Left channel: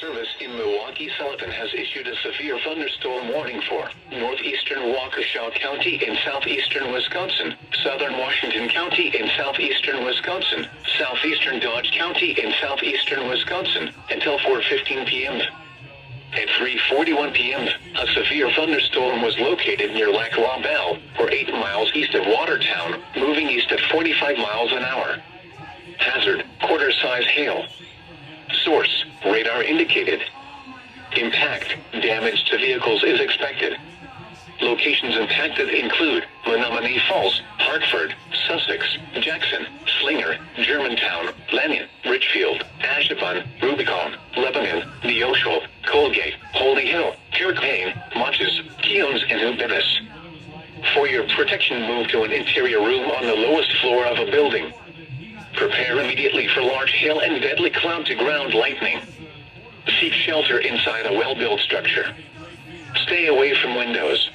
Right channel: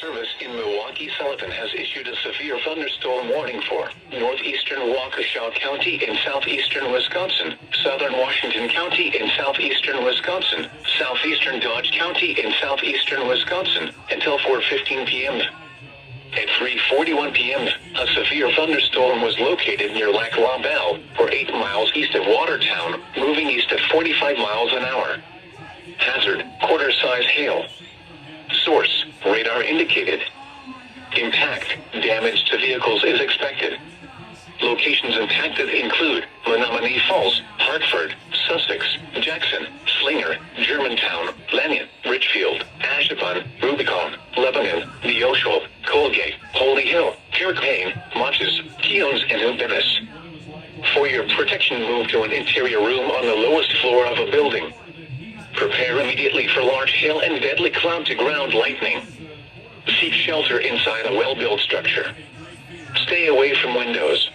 Service in Milwaukee Sullivan has issued a severe thunderstorm warning for northeastern Waukesha County in southeastern Wisconsin, southern Washington County in southeastern Wisconsin, southeastern Dodge County in southeastern Wisconsin, until 4:15 p.m. At 3:41 p.m., a severe thunderstorm was located near Lac La Belle, or 8 miles east of Watertown, moving east at 45 miles an hour. Hazard, quarter-size hail. Source, radar indicated. Impact, damage to vehicles is expected. Locations impacted include Menominee Falls, Hartford, Sussex, Jackson, Slinger, Germantown, Lanyon, Richfield, Ashtabun, Rubicon, Lebanon, Neosho, Colgate, Holy Hill, Kirkpaine, Monches, Keones, and New Bimis. For your protection, move to an interior room on the lowest floor of a building. Prepare immediately for large hail and deadly cloud-to-ground lightning. Seek shelter inside a well-built structure. Stay away from windows,